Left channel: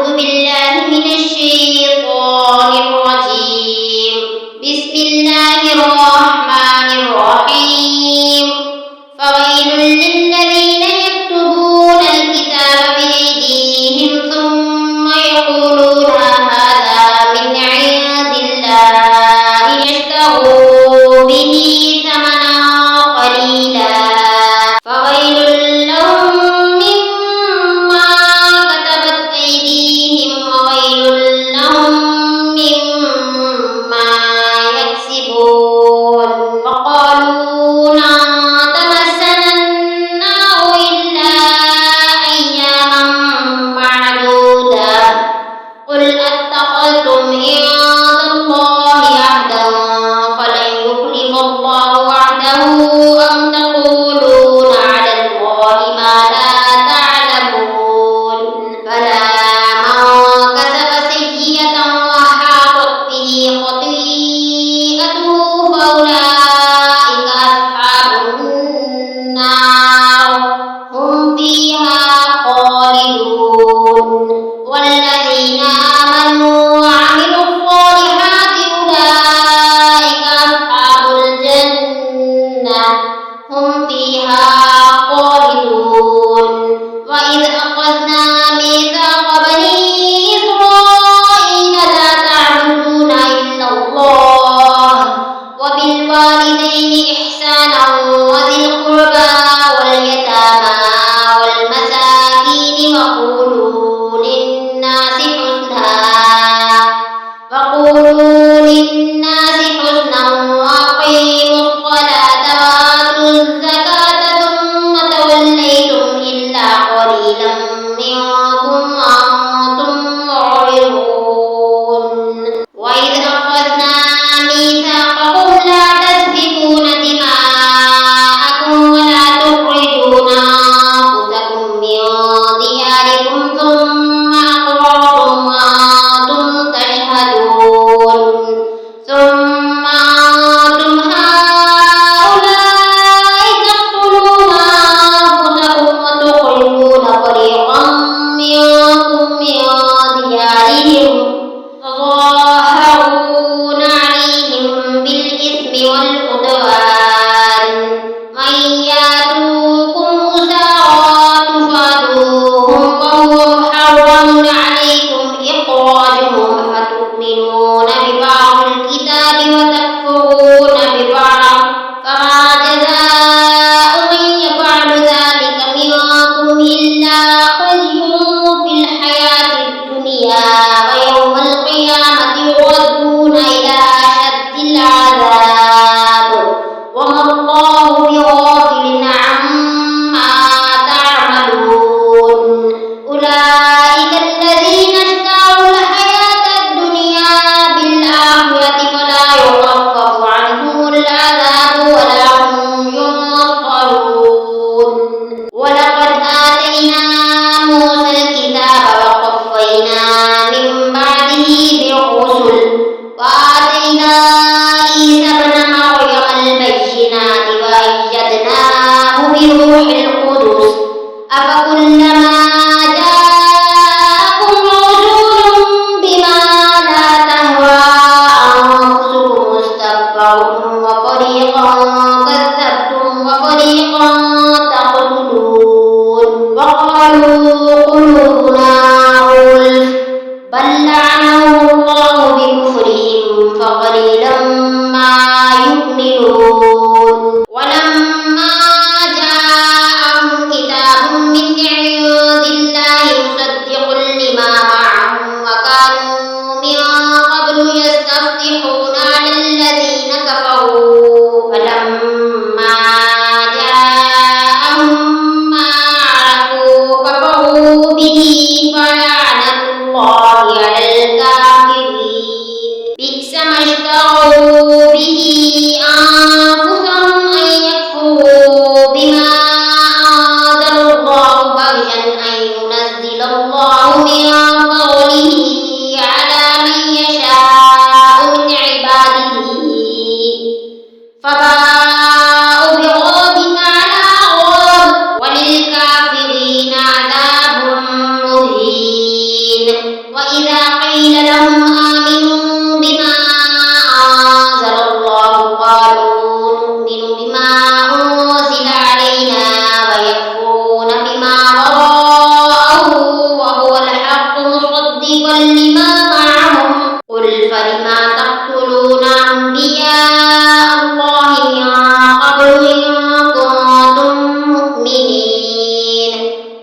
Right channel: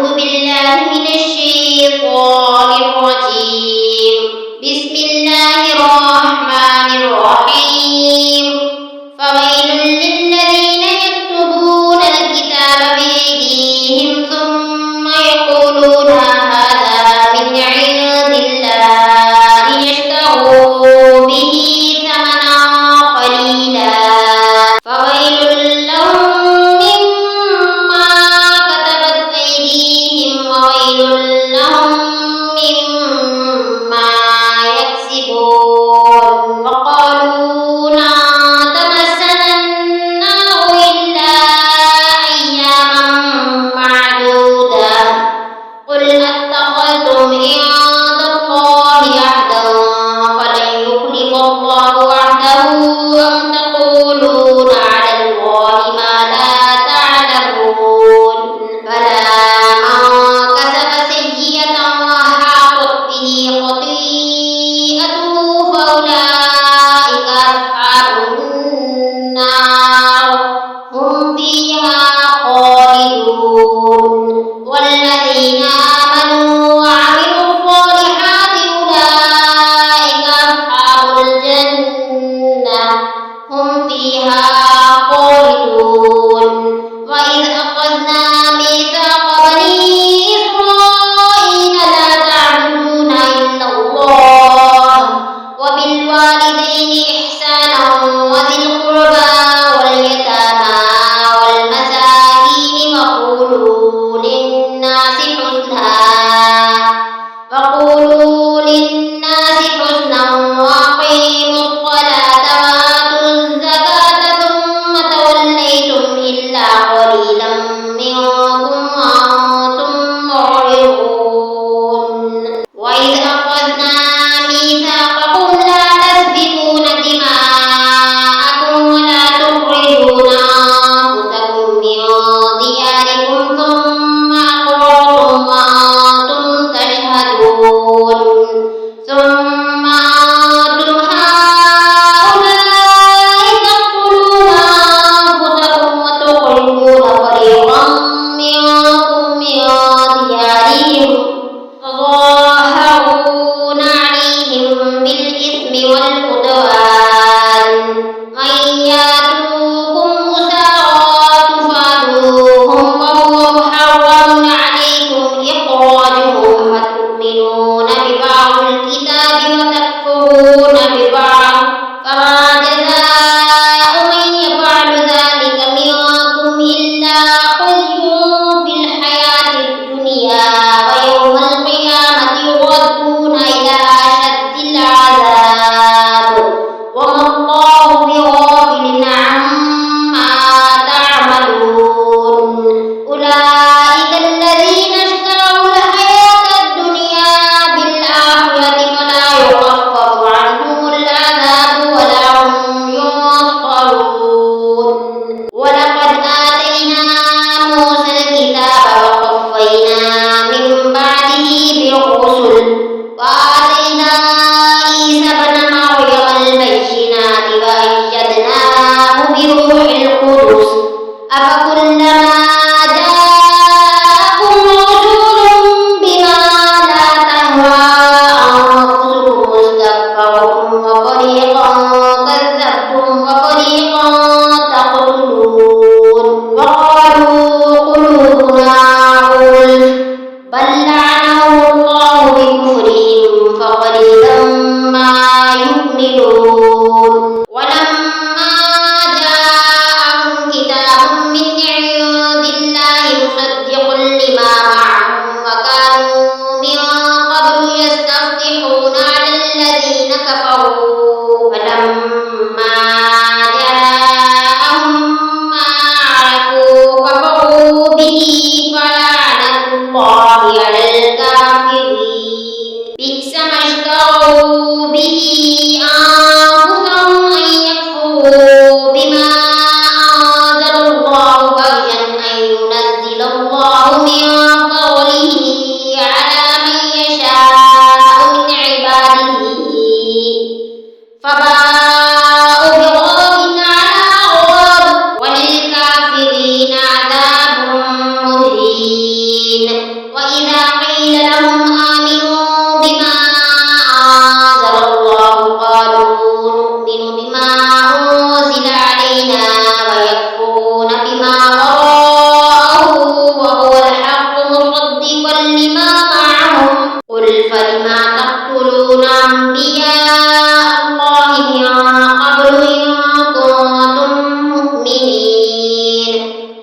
أعوذ بالله من الشيطان الرجيم. بسم الله الرحمن الرحيم. فويل للذين يكتبون الكتاب بأيديهم ثم يقولون هذا من عند الله ليشتروا به ثمنا قليلا فويل لهم مما كتبت أيديهم وويل لهم مما يكسبون. وقالوا لا تمسنا النار إلا أياما معدودة قل أتخذتم عند الله عهدا فلن يخلف الله وعده أم تقولون على الله ما لا تعلمون. بلى من كسب سيئة وأحاطت به خطيئته فأولئك أصحاب النار هم فيها خالدون. والذين آمنوا وعملوا الصالحات أولئك أصحاب الجنة هم فيها خالدون. وإذ أخذنا ميثاق بني إسرائيل لا تعبدون إلا الله وبالوالدين إحسانا وذي القربى واليتامى والمساكين وقولوا للناس حسنا وأقيموا الصلاة وآتوا الزكاة ثم توليتم إلا قليلا منكم وأنتم معرضون. وإذ أخذنا ميثاقكم لا تسفكون دماءكم ولا تخرجون أنفسكم من دياركم ثم أقررتم وأنتم تشهدون. ثم أنتم هؤلاء تقتلون أنفسكم وتخرجون فريقا منكم من ديارهم تظاهرون عليهم بالإثم والعدوان وإن يأتوكم أسارى تفادوهم وهو محرم عليكم إخراجهم فتؤمنون ببعض الكتاب وتكفرون ببعض فما جزاء من يفعل ذلك منكم إلا خزي في الحياة الدنيا ويوم القيامة يردون إلى أشد العذاب وما الله بغافل عما تعملون. أولئك الذين اشتروا الحياة الدنيا بالآخرة فلا يخفف عنهم العذاب ولا هم ينصرون. ولقد آتينا موسى الكتاب وقفينا من بعده بالرسل وآتينا عيسى ابن مريم البينات وأيدناه بروح القدس أفكلما جاءكم رسول بما لا تهوى أنفسكم استكبرتم وفريقا كذبتم وفريقا تقتلون. وقالوا قلوبنا غلف بل لعنهم الله بكفرهم فقليلا ما يؤمنون. ولما جاءهم كتاب من عند الله مصدق لما معهم وكانوا من قبل يستفتحون على الذين كفروا فلما جاءهم ما عرفوا كفروا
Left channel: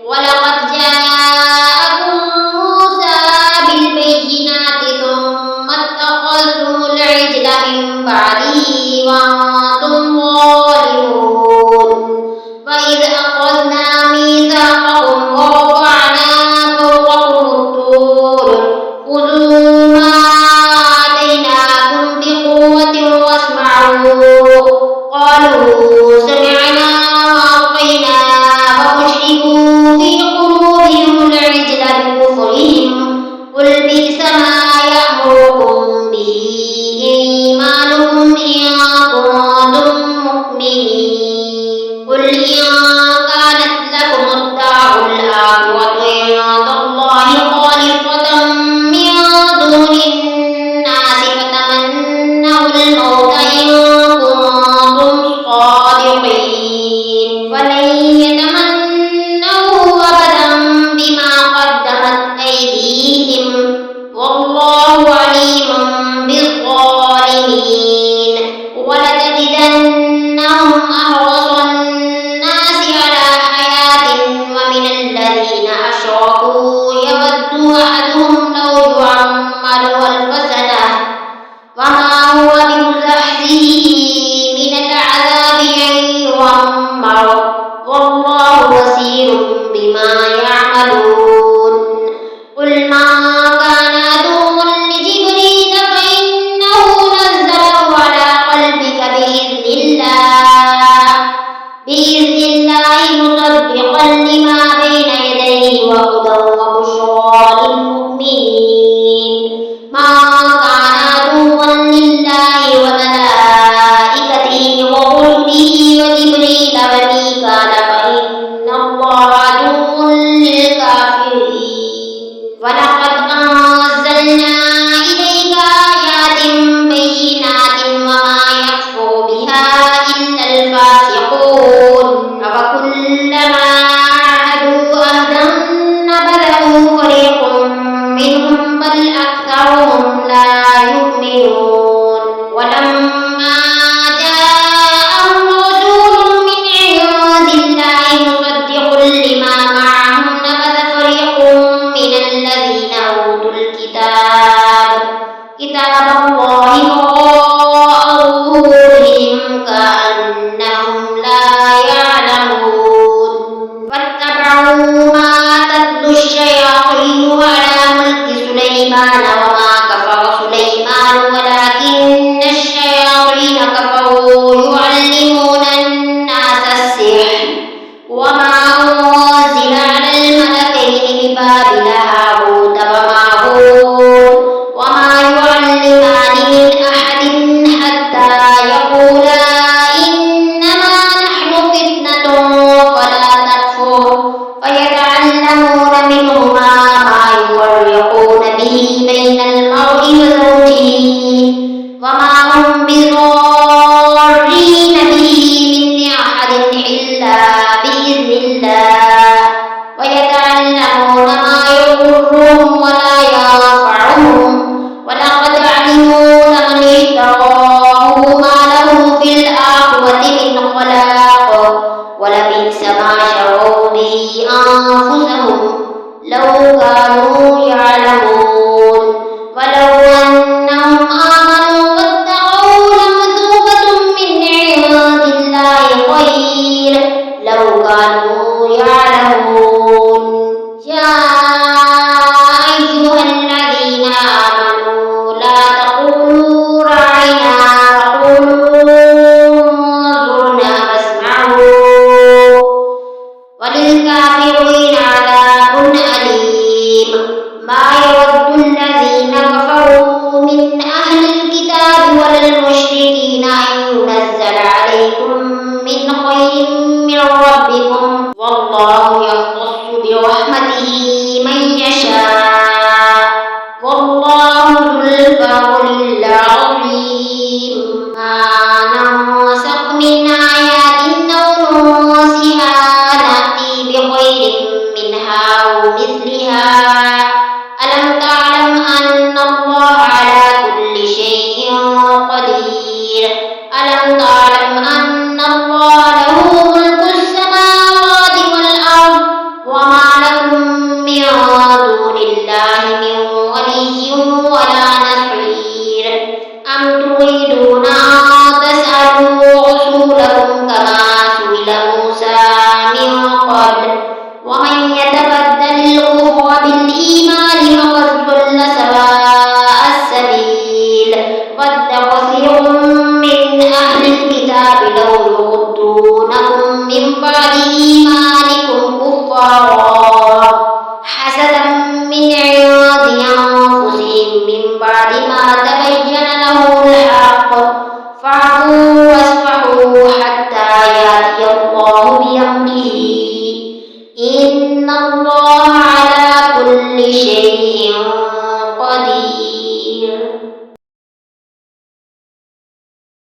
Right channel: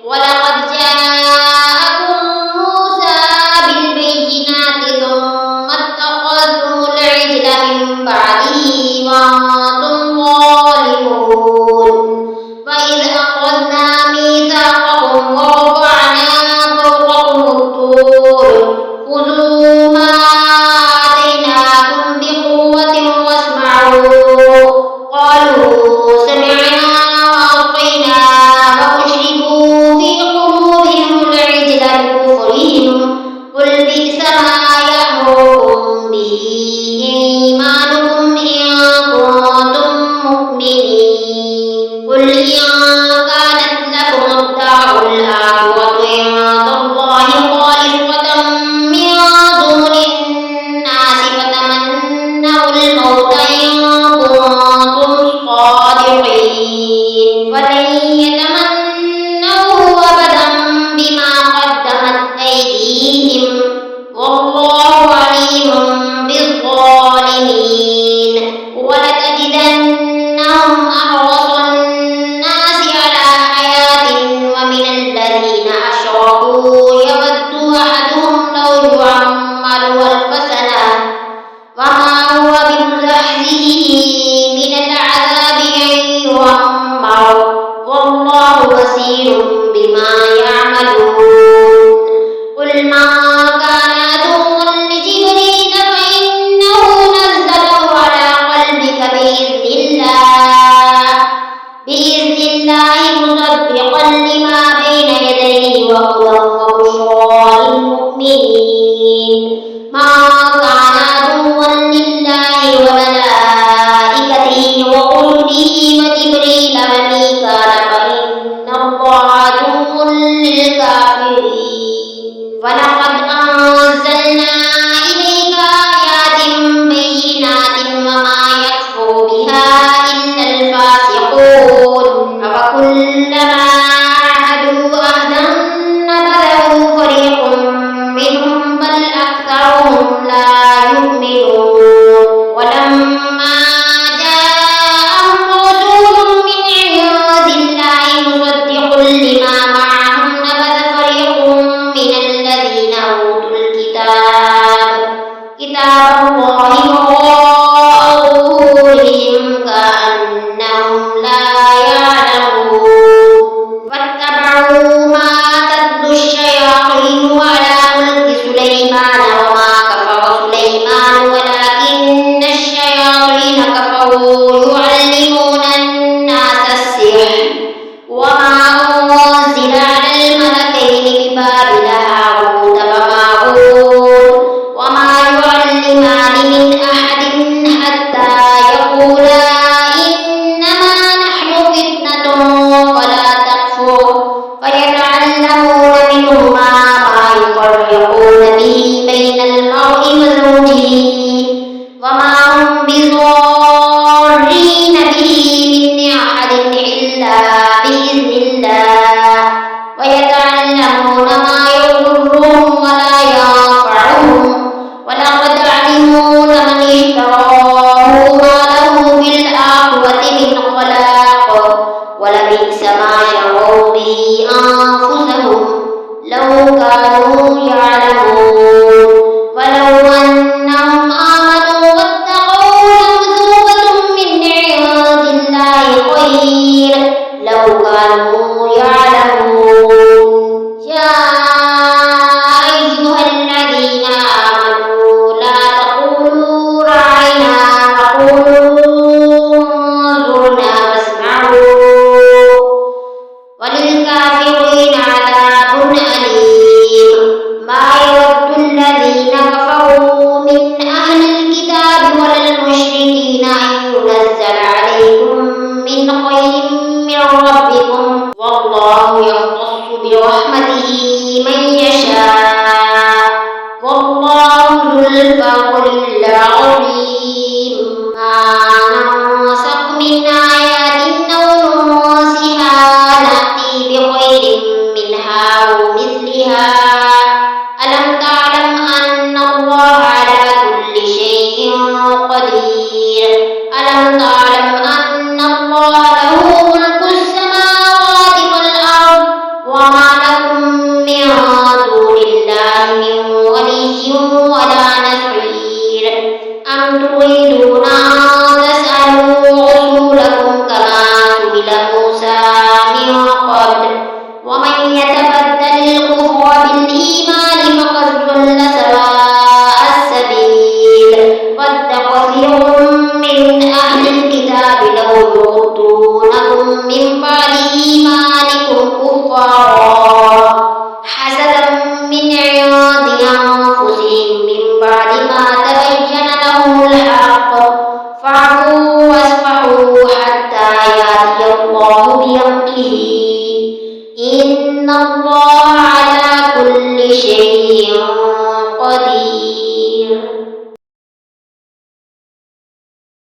ولقد جاءكم موسى بالبينات ثم اتخذتم العجل من بعده وأنتم ظالمون وإذ أخذنا ميثاقكم ورفعنا فوقكم الطور خذوا ما آتيناكم بقوة واسمعوا قالوا سمعنا وعصينا وأشربوا في قلوبهم العجل بكفرهم قل بئس ما يأمركم به إيمانكم إن كنتم مؤمنين قل إن كانت لكم الدار الآخرة عند الله خالصة من دون الناس فتمنوا الموت إن كنتم صادقين فلن يتمنوه أبدا بما قدمت أيديهم والله عليم بالظالمين ولتجدنهم أحرص الناس على حياة ومن الذين أشركوا يود أحدهم لو يعمر 1000 سنة وما هو بمزحزحه من العذاب أن يعمر والله بصير بما يعملون قل ما كان عدوا لجبريل فإنه نزله على قلبك بإذن الله مصدقا لما بين يديه وهدى وبشرى للمؤمنين ما كان عدوا لله وملائكته ورسله وجبريل وميكال فإن الله عدو للكافرين ولقد أنزلنا إليك آيات بينات وما يكفر بها إلا الفاسقون أفكلما عاهدوا عهدا نبذه فريق منهم بل أكثرهم لا يؤمنون ولما جاءهم رسول من عند الله مصدق لما معهم نبذ فريق من الذين أوتوا كتاب الله وراء ظهورهم كأنهم لا يعلمون واتبعوا ما تتلو الشياطين على ملك سليمان وما كفر سليمان ولكن الشياطين كفروا يعلمون الناس السحر وما أنزل على الملكين ببابل هاروت وماروت وما يعلمان من أحد حتى يقولا إنما نحن فتنة فلا تكفر فيتعلمون منهما ما يفرقون به بين المرء وزوجه وما هم بضارين به من أحد إلا بإذن الله ويتعلمون ما يضرهم ولا ينفعهم ولقد علموا لمن اشتراه ما له في الآخرة من خلاق ولبئس ما شروا به أنفسهم لو كانوا يعلمون ولو أنهم آمنوا واتقوا لمثوبة ما تبين له الحق فاعفوا واصفحوا حتى يأتي الله بأمره إن الله على كل شيء